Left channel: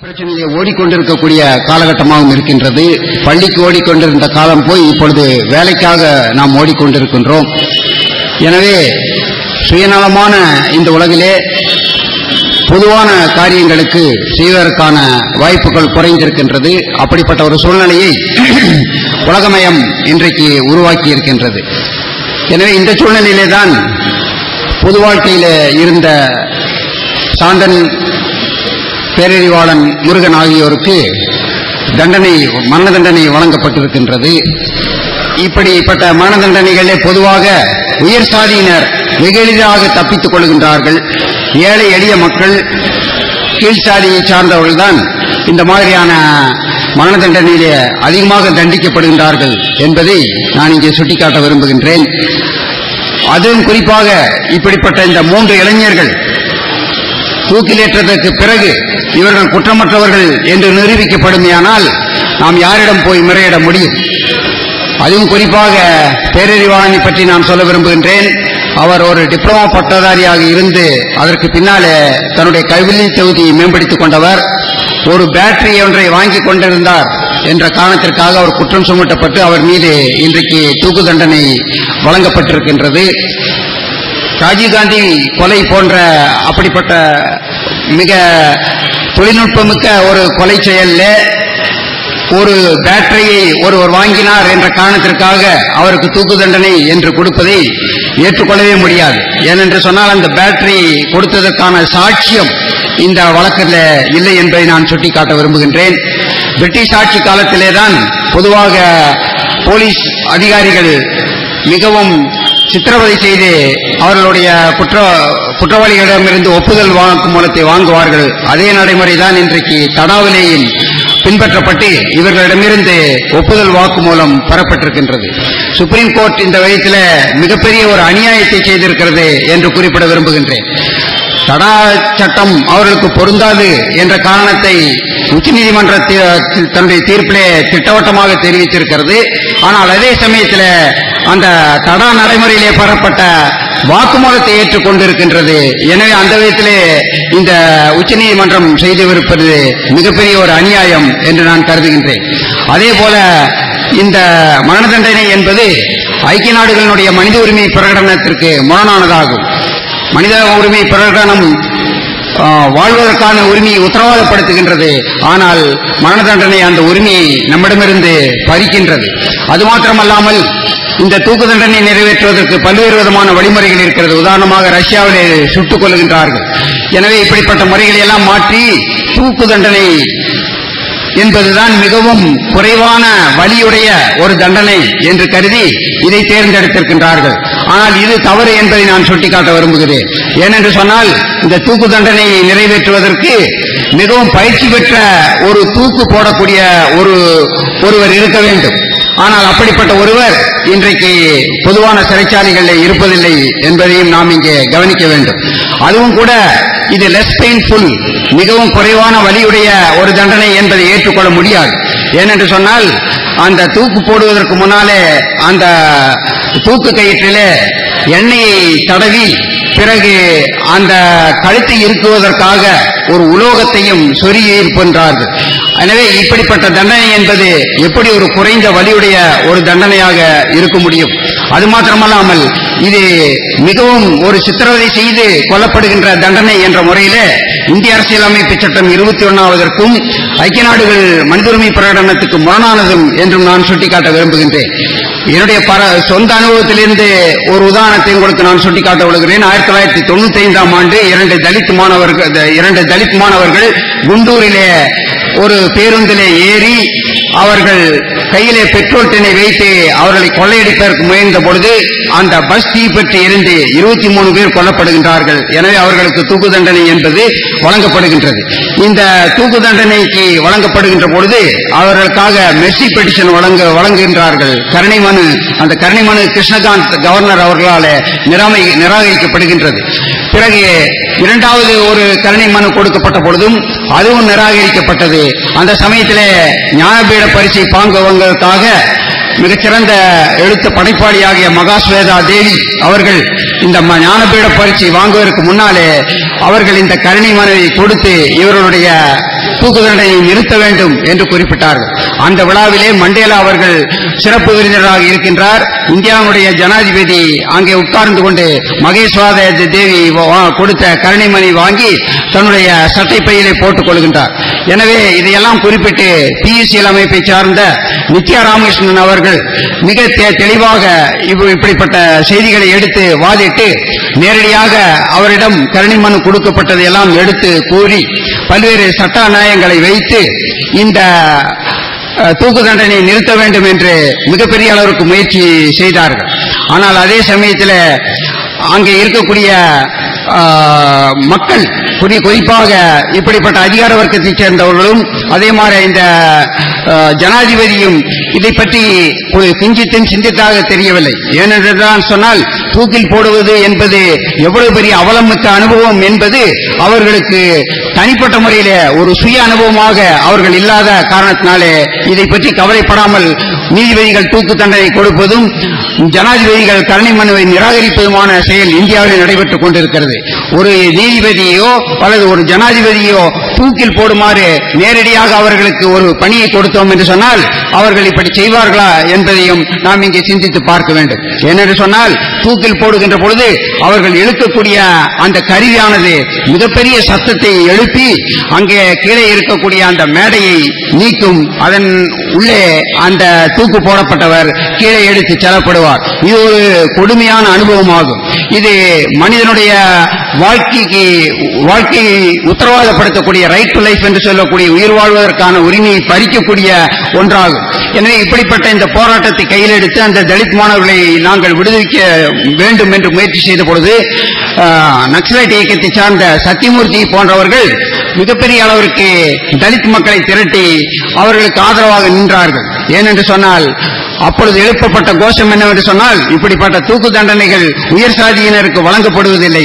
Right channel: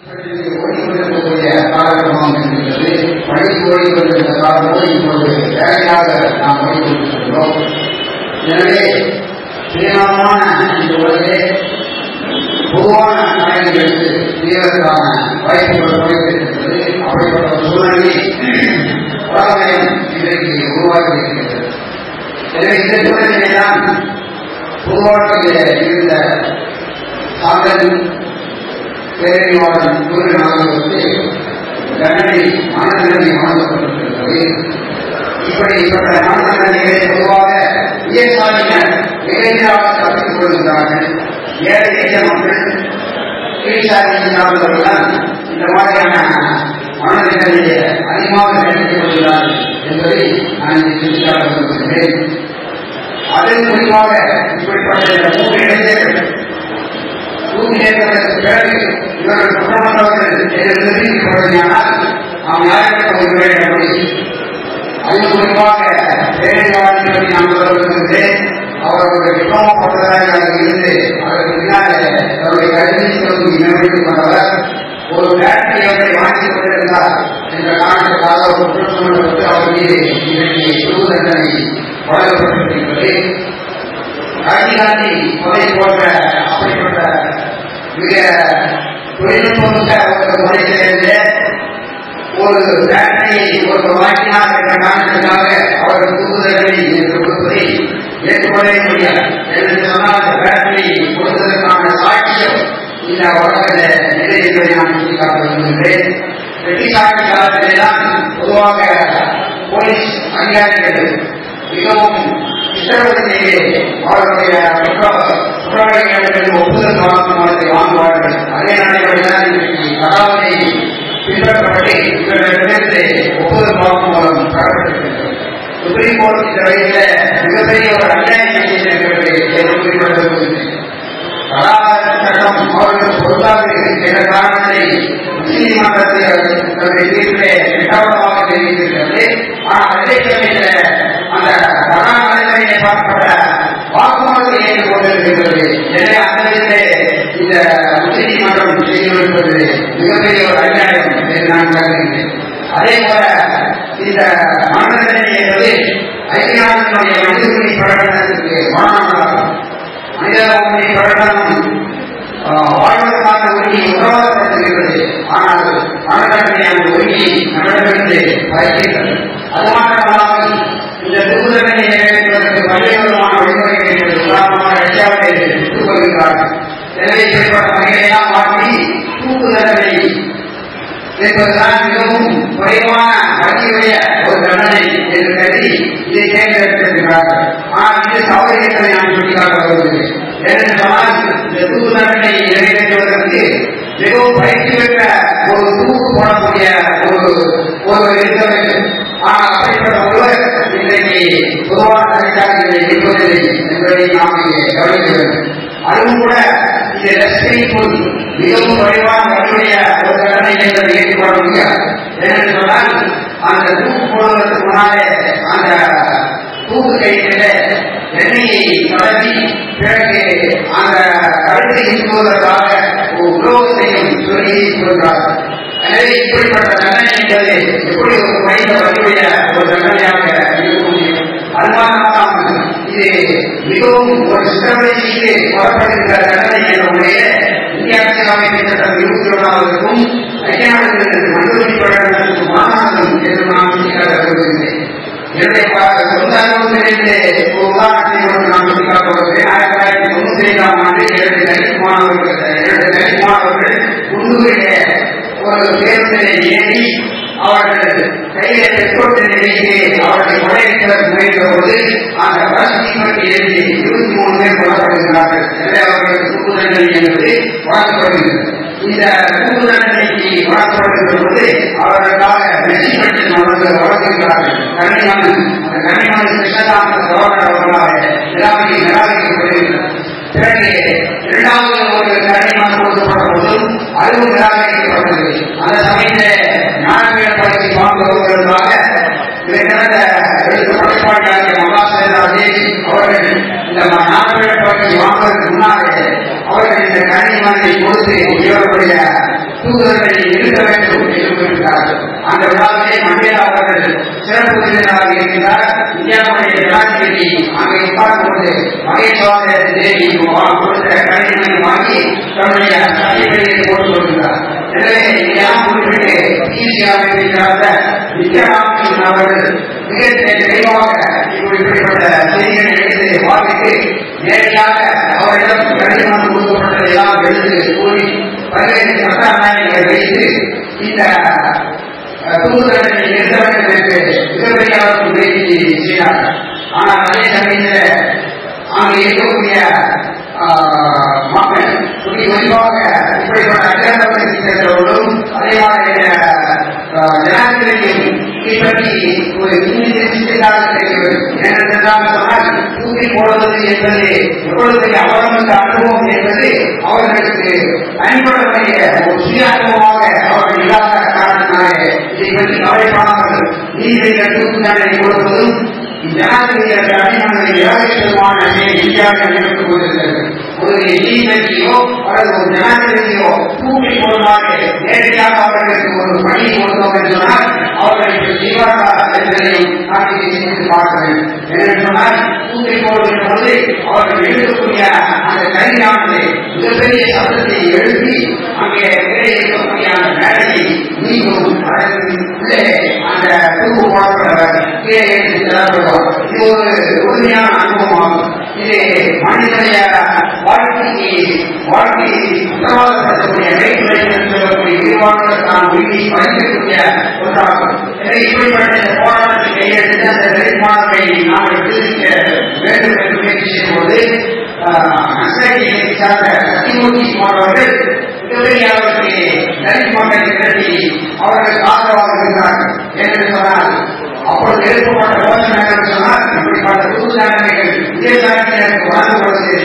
பிரச்சனையை ஓடிக்கொண்டிருக்கக்கூடிய காலகட்டமாகவும் இருக்கின்றது. பள்ளிக்கு ஓடிக்கொண்டிருந்த காலம் போய் இப்பொழுது வேலைக்காக நாம் ஓடிக்கொண்டிருக்கின்றோம். எனவே சுயநலமான இந்த உலகிலே பொதுவான காரியங்களுக்கு செய்வதற்கான வாய்ப்புகள் குறைந்திருக்கின்றது. அப்படிப்பட்ட ஒரு சூழ்நிலையை உலகமயம் இன்றைக்கு உருவாக்கி இருக்கின்றது. எனவே இந்த சூழ்நிலையிலே தான் பொது வாழ்க்கையில் இருந்த சாந்தன், பேரறிவாளன், முருகன் ஆகியோருக்கு மரண தண்டனை வழங்கப்பட்டிருக்கின்றது. இப்படிப்பட்ட மரண தண்டனைகளே பொதுவாக உயர் சாதியினர் மிக எளிதாக தப்பித்துக் கொள்கின்றார்கள். ஏழை எளிய மக்கள், கீழ்சாதியை சார்ந்தவர்கள் தான் இந்த மாதிரியான மரண தண்டனையிலே அதிகமாக தண்டிக்கப்படுகின்றார்கள் என்பதை நான் இங்கே சுட்டிக்காட்ட விரும்புகின்றேன். அதுவும் குறிப்பாக இப்படிப்பட்ட இந்த 3 இளைஞர்கள் தூக்கிலேற்றதற்கு பிறகு இவர்கள் குற்றமற்றவர்கள் என்று நிரூபிக்கப்படுமையானால் நாம் யாரிடம் போய் முறையிட முடியும்? அதுவும் குறிப்பாக பேரறிவாளனை பற்றி நான் சொல்ல விரும்புகின்றேன். அவர் ஒரு டிப்ளமோ பட்டதாரியாக இருந்து அதற்கு பின்னாலே தன்னுடைய கைவினை தொகுதியை மேம்படுத்திக் கொண்டவர். ஒரு பேட்டரி ஒன்றை வாங்கிக் கொண்டிருந்தார் என்ற காரணத்திற்காக அவர் குற்றம் சுமத்தப்பட்டு அவர் மீது இன்றைக்கு தூக்கு தண்டனை வழங்கப்பட்டிருக்கின்றது. ராஜீவ்காந்தி கொலை போன்ற அப்படிப்பட்ட மிக தொழில்நுட்பமிக்க ஒரு கொலை செயலில் ஒரு பேட்டரியை ஒருவர் வாங்கினார் என்ற காரணத்திற்காக அவருக்கு தூக்கு தண்டனை என்று கொடுப்பதை ஏற்றுக்கொள்ளவே முடியாது. ஏனென்று சொன்னால் அந்த பேட்டரி கொடுத்ததற்கான சாட்சியம் இந்த வழக்கில் இல்லை என்பதை நான் சுட்டிக்காட்ட விரும்புகின்றேன். பிரிட்டிஷ் ஆட்சி காலத்திலே தான் பொதுவாக போலீஸ் அதிகாரிகள் மிகவும் சித்திரவதை செய்து அவர்களுடைய குற்றவாளிகளிடமிருந்து ஒப்புதல் வாக்குமூலத்தை வாங்குவார்கள். அதே நடைமுறை தான் இன்றைக்கு தடாவிலேயும் பின்பற்றப்பட்டு இவர்களிடமிருந்து ஒப்புதல் வாக்குமூலம் பெறப்பட்டிருக்கின்றது. சுப்ரீம் கோர்ட் இந்த வயதில் மிகப்பெரிய ஒரு அநியாயத்தை செய்திருக்கிறது என்று குறிப்பிட விரும்புகின்றேன். தடா சட்டம் அவர்களுக்கு பொருந்தாது என்ற காரணத்தை உச்சநீதிமன்ற தன்னுடைய தீர்ப்பிலே திட்டவட்டமாக தெரிவித்திருக்கிறது. ஆனால் அதே சமயத்தில் அந்த தடா நடைமுறையிலே பெறப்பட்ட வாக்குமூலத்தை ஏற்றுக்கொண்டிருக்கின்றது. எனவே அந்த விதத்திலே இந்த உச்சநீதிமன்றம் செய்திருப்பது மிகப்பெரிய ஒரு அநியாயம் என்று நான் கருதுகின்றேன். அதே போல இந்த மரண தண்டனை என்பது ஐக்கிய நாடுகளினுடைய மனித உரிமை பிரகடனத்திற்கு முரணானதாகும். மனித உரிமை பிரகடனம் வாழ்வதற்கான உரிமையை உத்தரவாதப்படுத்துகின்றது. ஆனால் மரண தண்டனை அந்த உரிமையை நம்மிடமிருந்து பறிக்கின்றது. அது மாத்திரமல்லாமல் இந்த தூக்கு தண்டனை நிறைவேற்றுவதற்கு பல்வேறு விதமான வழிமுறைகள் இருக்கிறது. உதாரணமாக ரஷ்யாவிலே சுட்டுக் கொள்கின்றார்கள். எனவே இப்படிப்பட்ட முறைகளை எல்லாம் மாற்றி தூக்கு தண்டனை என்பதுதான் மிகவும் குறைவான வலியுடைய ஒரு தண்டனை என்று கருதி இதை தேர்ந்தெடுத்திருக்கின்றார்கள். ஆனால் இது தவறு என்பதை நான் சுட்டிக்காட்ட விரும்புகிறேன். ஏனென்று சொன்னால் இந்த தூக்கு தண்டனையை நிறைவேற்றுவதற்கு மிகவும் பயிற்சி பெற்ற ஒரு தூக்கு போடக்கூடிய ஒருவர் இருக்க வேண்டும். ஆனால் அப்படிப்பட்ட ஒருவர் இன்றைக்கு பொதுவான சிறைச்சாலைகளில் இருப்பதில்லை என்பதையும் நாம் இங்கே கவனிக்க வேண்டும். அதுவும் கூட இது லெஸ் பெயின்ஃபுல், மிகவும் குறைவான வலியுடைய ஒரு தண்டனை என்பதை ஏற்றுக்கொள்ள முடியாது. ஏனென்று சொன்னால் அந்த தூக்கு போடுவதற்கு முன்னாலே அந்த தூக்கு கயிற்றிலே எண்ணெயை தடவி பிறகு அந்த கழுத்தை இருக்குவதற்காக ஒரு உலோகத்தையும் சொருகி இருக்கின்றார்கள். எனவே இப்படிப்பட்ட தண்டனை என்பது எப்படி ஒரு குறைந்த வலியுடைய ஒரு தண்டனையாக இருக்க முடியும்? அது மாத்திரமல்லாமல் இது மிகவும் ஒரு சித்திரவதை செய்து கொல்லப்படுகின்ற தண்டனை என்ற முறையிலே இந்திய அரசியலமைப்பு சட்டம் 21க்கும் ஐக்கிய நாடுகள் மனித உரிமை பிரகடனத்துக்கு முரணானதும் என்றும் நான் சுட்டிக்காட்ட விரும்புகின்றேன். என்னுடைய சொந்த அனுபவத்திலிருந்து ஒரு உதாரணத்தை உங்களுக்கு நான் சுட்டிக்காட்ட விரும்புகிறேன். 1995ஆம் ஆண்டு 2 தலித் மாணவர்கள் குண்டூரிலே ஒரு பேருந்திலே ஏறி அவர்கள் கையிலே பெட்ரோல் டென்னை வைத்து அவர்களை கொள்ளையடிப்பதற்கு முயன்ற பொழுது அந்த பஸ் தீப்பற்றி எரிந்து 23 பேர் கொல்லப்படுகின்றார்கள். எனவே அவர்களுக்கு தூக்கு தண்டனை என்பது வழங்கப்படுகின்றது. இந்த தூக்கு தண்டனைக்கு வழங்கப்படுகின்ற பொழுது அவர்களுக்காக மெர்சி பெட்டிஷன் வழங்குகின்றார்கள். அந்த கருணை மனு கிருஷ்ணகாந்த் கவர்னர் அவர்களால் நிராகரிக்கப்படுகின்றது. பிறகு 2வது ஒரு கருணை மனு கொடுக்கப்பட்ட பொழுதும் அதுவும் நிராகரிக்கப்பட்டது. அந்த சமயத்திலே ஞானபீட பரிசை வாங்குவதற்காக மிகச்சிறந்த எழுத்து படைப்பாளியாகிய மகாஸ்வேதா தேவி அவர்கள் இந்த ஞானபீட பரீட்சை வாங்குவதற்கு முன்னாலே அவர்கள் இந்த கருணை மனுவை கொடுத்து இவர்களுடைய தூக்கு தண்டனை நிறுத்த வேண்டும் என்று குறிப்பிட்டார்கள். அந்த விழாவிலே மண்டேலா அவர்கள் சிறப்பு விருந்தினராக இருக்கின்றார். இந்தியாவுடைய ஜனாதிபதி அங்கே உட்கார்ந்து கொண்டு மகேஸ்வர தேவி கொடுத்த கருணைமணி வாங்கி தன்னுடைய சட்டை பையிலே போட்டுக் கொள்கின்றார். எனவே இதையெல்லாம் குறிப்பிட்டு PUCL அமைப்பை சார்ந்த நித்யா ராமகிருஷ்ணன் அவர்கள் மிக தெளிவாக இப்படிப்பட்ட செய்திகளை எடுத்து வாதிட்டு நேரடியாக அவரிடம் கருணை மனு கொடுக்கப்பட்டதையெல்லாம் எடுத்து கூறி பல்வேறு சட்ட நியாயங்களை வைத்து இந்த தூக்கு தண்டனை நிறுத்த வேண்டும் என்று மிகப்பெரிய அளவுக்கு முயற்சி செய்தார்கள். ஆனால் அதே சமயத்தில் அங்கே இருக்கக்கூடிய மக்கள் குறிப்பாக இப்படிப்பட்ட அதிகார வர்க்கத்தைச் சேர்ந்தவர்களும் அதே மாதிரி இந்த ஜனாதிபதியும் இதை பற்றி கிஞ்சித்தின் சிந்தித்தாக தெரியவில்லை. ஏனென்றால் சொன்னால் தூக்கில் போடுவது என்பது எவ்வளவு பெரிய அவலமிக்க அனுபவம் என்பது அவர்களுக்கு தனிப்பட்ட முறையிலே ஒரு சுய அனுபவமாக அவர்கள் இல்லாத காரணத்தினாலே இதை பற்றி கவலைப்படாமல் நீதிபதிகள் தூக்கு தண்டனை கொடுப்பதும் ஜனாதிபதிகள் கருணை மனுவை நிராகரிப்பதுமான செயல் இந்தியாவில் நடைபெற்றுக் கொண்டிருக்கிறது. ஒரு நீதிபதியோ அல்லது ஒரு ஜனாதிபதியோ தூக்கில் போடுமாறு நேரடியாக அவர்களுக்கு ஒரு பணியை கொடுத்தோம் என்று சொன்னால் அவர்கள் இப்படி செய்வார்களா என்பதையும் நாம் இங்கே சிந்தித்து பார்க்க வேண்டும். ஏனென்று சொன்னால் தூக்கில் போடுகின்ற பொழுது அவர்கள் எழுக்கக்கூடிய அந்த கருவியானது மிகப்பெரிய சத்தத்தை எழுப்பி அங்கே கீழே இருக்கக்கூடிய அந்த மேடையை நீக்கும். அதன் உள்ளே அந்த தூக்கு போடப்பட்டவர் கீழே எடுத்து செல்லப்படுவார். இது ஒரு கொடுமையான அனுபவமாகும். இது மனிதனுடைய வாழ்க்கையை உத்தரவாதப்படுத்தக்கூடிய ரைட் டு லைஃப் என்று சொல்லக்கூடிய உயிர் வாழ்வதற்கான உரிமையை பறிக்கக்கூடிய ஒன்றாகும். எனவே இப்படிப்பட்ட இந்த போராட்டத்தை கையில் எடுத்து அந்த தலித் மாணவர்களை நாங்கள் விடுவிக்க வேண்டும் என்று முயற்சி செய்த பொழுது நக்சலைட் இயக்கத்தை சார்ந்த சத்தியமூர்த்தி போன்றவர்கள் மிகப்பெரிய அளவிற்கு தலித் மக்களை திரட்டி அவர்களுக்கு ஆதரவாக நின்றார்கள். ஏனென்று சொன்னால் அப்பொழுது எழுப்பப்பட்ட கோஷம் என்னவென்று சொன்னால் இப்படிப்பட்ட தூக்கு தண்டனைகள் உயர் சாதியினருக்கு வழங்கப்படுவதில்லை,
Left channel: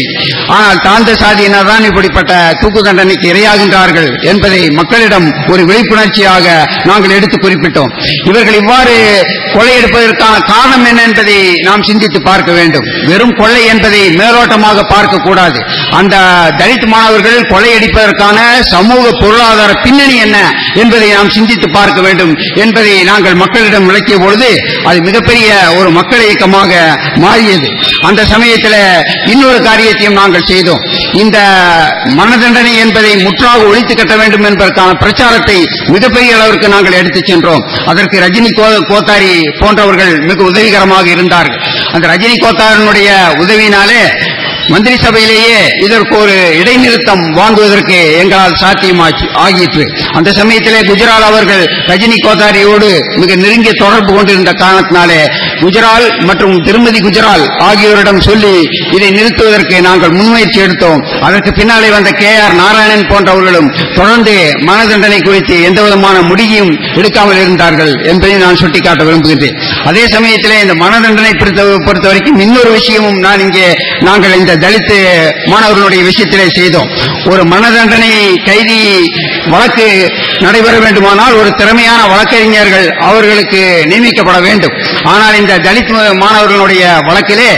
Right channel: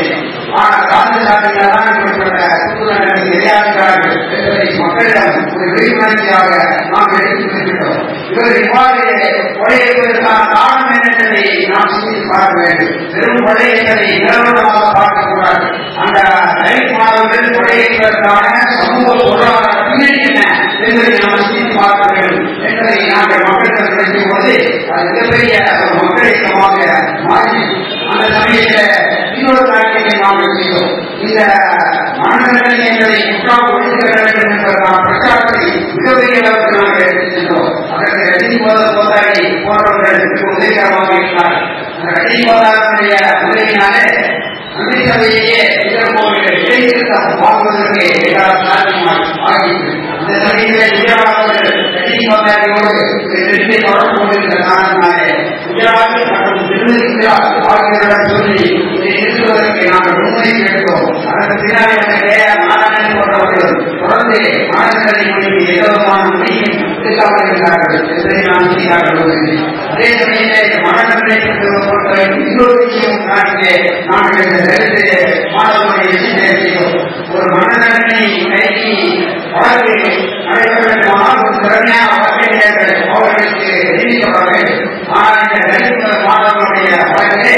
ஆனால் தாழ்ந்த சாதியினர் தான் இப்படிப்பட்ட தூக்கு தண்டனைக்கு இரையாகின்றார்கள் என்பதை மக்களிடம் ஒரு விழிப்புணர்ச்சியாக நாங்கள் எடுத்து குறிப்பிட்டோம். இவர்கள் இவ்வாறு கொள்ளையடிப்பதற்கான காரணம் என்ன என்பதை நாம் சிந்தித்து பார்க்க வேண்டும். வெறும் கொள்ளை என்பதை மேலோட்டமாக பார்க்கக்கூடாது. அந்த தலித் மாணவர்கள் கொள்ளையடிப்பதற்கான சமூக பொருளாதார பின்னணி என்ன என்பதை நாம் சிந்தித்து பார்க்க வேண்டும் என்பதை நாங்கள் மக்களிடம் விளக்கிய பொழுது அது மிகப்பெரிய ஒரு மக்கள் இயக்கமாக மாறியது. அந்த சமயத்தில் இன்னொரு காரியத்தையும் நாங்கள் செய்தோம். இந்த மரண தண்டனை என்பதை முற்றாக ஒழித்து கட்ட வேண்டும் என்பதற்கான பிரச்சாரத்தை மிகப்பெரிய அளவிற்கு நாங்கள் எடுத்துச் சென்றோம். அதற்கு ரஜினி கோத்தாரி போன்றவர்கள் மிக உதவிகரமாக இருந்தார்கள். அந்த ரஜினி கோத்தாரினுடைய உதவியினாலே மந்திரி சபையிலேயே இதற்கு ஒரு இடைநிறுத்தம் வாங்குவதற்கு எங்களால் சாத்தியமாகிற்று. அந்த சமயத்திலே குஜரால் அவர்கள் ரஜினி கோத்தாரியோடு மிக நெருங்கிய தொடர்பு கொண்டிருந்த காரணத்தினாலே குஜரால் மற்றும் திருமதி குஜரால் ஆகியோரிடம் சொல்லி இதை நிறுத்துவதற்கு நாங்கள் முன்முயற்சி எடுத்தோம். அதற்கு பின்னாலே வந்த KR நாராயணன் போன்றவர்களும் தொடர்ந்து மரண தண்டனை குறித்து எந்தவிதமான முடிவையும் எடுக்காமல் இருந்தார்கள் என்பதை நான் சுட்டிக்காட்ட விரும்புகின்றேன். அதே சமயத்திலே இந்த மரண தண்டனை பொறுத்த வரைக்கும் இன்னொரு விஷயமும் நாங்கள் இந்த தலித் மாணவர்களுடைய விஷயத்திலே செய்தோம். ஒரு மரண தண்டனை கைதி வழக்கு நடைபெற வேண்டுமானால் ஒரு திறமையான வழக்கறிஞர்கள் அவர்களுக்கு நியமிக்கப்பட வேண்டும். ஆனால் இந்த தலித் மாணவர்களுடைய வழக்கிலே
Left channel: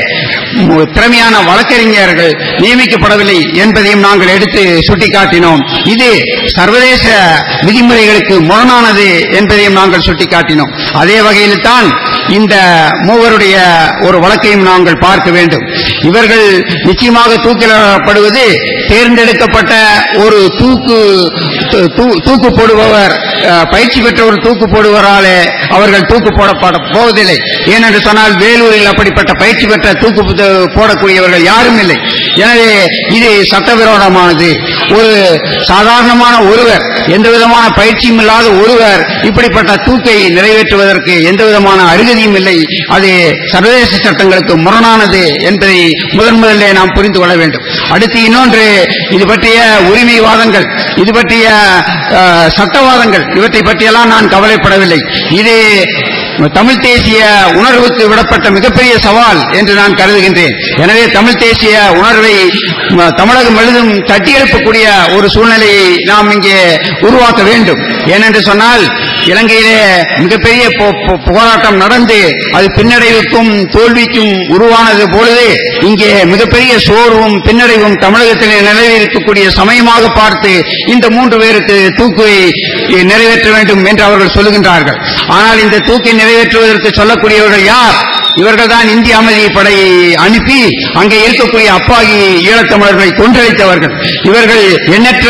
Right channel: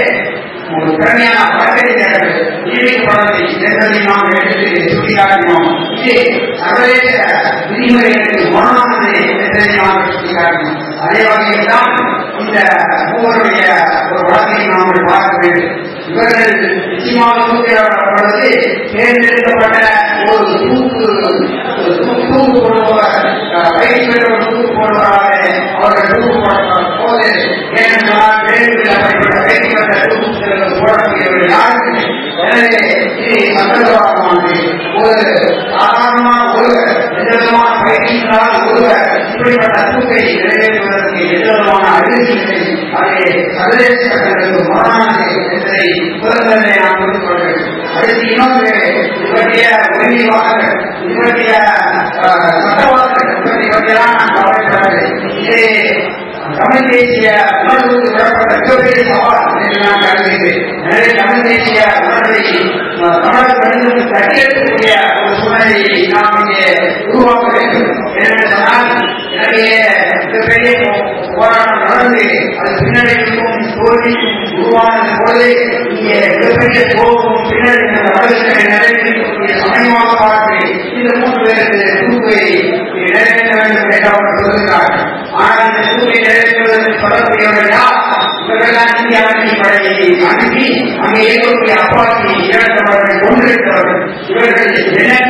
திறமையான வழக்கறிஞர்கள் நியமிக்கப்படவில்லை என்பதையும் நாங்கள் எடுத்து சுட்டிக்காட்டினோம். இது சர்வதேச விதிமுறைகளுக்கு முரணானது என்பதையும் நாங்கள் சுட்டிக்காட்டினோம். அதே வகையில் தான் இந்த மூவருடைய ஒரு வழக்கையும் நாங்கள் பார்க்க வேண்டும். இவர்கள் நிச்சயமாக தூக்கிலிடப்படுவது தேர்ந்தெடுக்கப்பட்ட ஒரு தூக்கு போடுபவர், பயிற்சி பெற்ற ஒரு தூக்கு போடுவராலே அவர்கள் தூக்கு போடப்பட போவதில்லை. ஏனென்று சொன்னால் வேலூரில் அப்படிப்பட்ட பயிற்சி பெற்ற தூக்கு போடக்கூடியவர்கள் யாரும் இல்லை. எனவே இது சட்டவிரோதமானது. ஒரு சாதாரணமான ஒருவர், எந்த விதமான பயிற்சியும் இல்லாத ஒருவர் இப்படிப்பட்ட தூக்கை நிறைவேற்றுவதற்கு எந்த விதமான அருகதையும் இல்லை. அது சர்வதேச சட்டங்களுக்கு முரணானது என்பதை முதலிலே நாம் புரிந்து கொள்ள வேண்டும். அடுத்து இன்னொன்று, இது பற்றிய உரிமைவாதங்கள், இது பற்றிய சட்டவாதங்கள், இவற்றை பற்றியெல்லாம் நான் கவலைப்படவில்லை. இது தமிழ் தேசிய உணர்வுக்கு விடப்பட்ட மிகப்பெரிய சவால் என்று நான் கருதுகின்றேன். எனவே தமிழ் தேசிய உணர்வை தமிழகம் முழுதும் தட்டி எழுப்பக்கூடிய ஒரு சூழ்நிலையை நாம் இங்கே உருவாக்க வேண்டும். ஏனென்று சொன்னால் இலங்கையிலே மிகப்பெரிய போராட்டம் நடந்து அது பின்னடைவுக்கும் தோல்விக்கும் உருவானது போலவே இங்கே மிகப்பெரிய சோர்வும் பின்னடைவும் தமிழகத்திலே நிறைவேற்றக்கூடிய சமயமாக பார்த்து இந்த 3 பேருக்கு தூக்கை நிறைவேற்ற வேண்டும் என்று அவர்கள் சொல்லுகின்றார்கள். ஆனால் இந்த தூக்கை நிறைவேற்றுவதற்கு சொல்லக்கூடியவர்கள் யார்? இவர்கள் தான் இந்திய அமைதி படை அனுப்பி அங்கே இருக்கக்கூடிய அப்பாவி ஈழத்தமிழர்களை கொன்றளித்தவர்கள். இவர்கள் எண்ணற்ற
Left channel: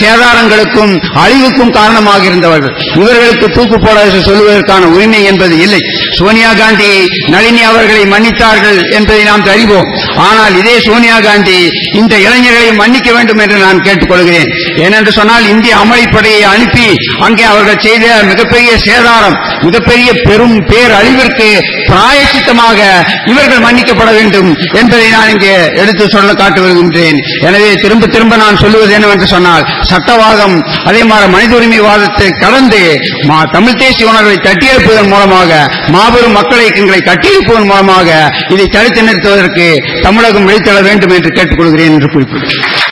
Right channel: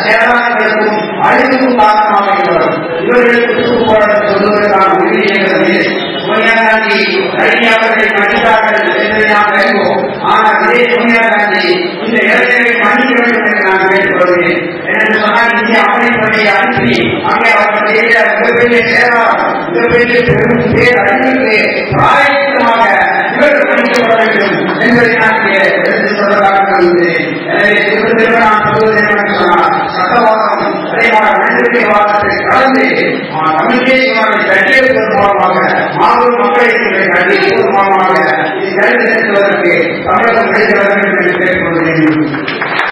சேதாரங்களுக்கும் அழிவுக்கும் காரணமாக இருந்தவர்கள். இவர்களுக்கு தூக்கு போராட்டம் சொல்வதற்கான உரிமை என்பது இல்லை. சோனியா காந்தி நளினி அவர்களை மன்னித்தார்கள் என்பதை நாம் அறிவோம். ஆனால் இதே சோனியா காந்தி இந்த இளைஞர்களை மன்னிக்க வேண்டும் என்று நான் கேட்டுக்கொள்கிறேன். ஏனென்று சொன்னால் இந்திய அமைதிப்படையை அனுப்பி அங்கே அவர்கள் செய்த மிகப்பெரிய சேதாரம், மிகப்பெரிய பெரும் பேரழிவிற்கு பிராயச்சித்தமாக இவர்கள் மன்னிக்கப்பட வேண்டும் என்பதை நான் இங்கே எடுத்து சொல்ல காட்ட விரும்புகிறேன். எனவே திரும்ப திரும்ப நான் சொல்லுவது என்னவென்று சொன்னால் சட்டவாதம் அதே மாதிரி மனித உரிமை வாதத்தை கடந்து தமிழ் தேசிய உணர்வை தட்டியெழுப்பதன் மூலமாக மாபெரும் மக்கள் இயக்கங்களை கட்டியெழுப்பதன் மூலமாக இதை தடுத்து நிறுத்துவதற்கு தமிழகம் விழித்தெழ வேண்டும் என்று கேட்டுக்கொள்கிறேன் என்று குறிப்பிட்டார்.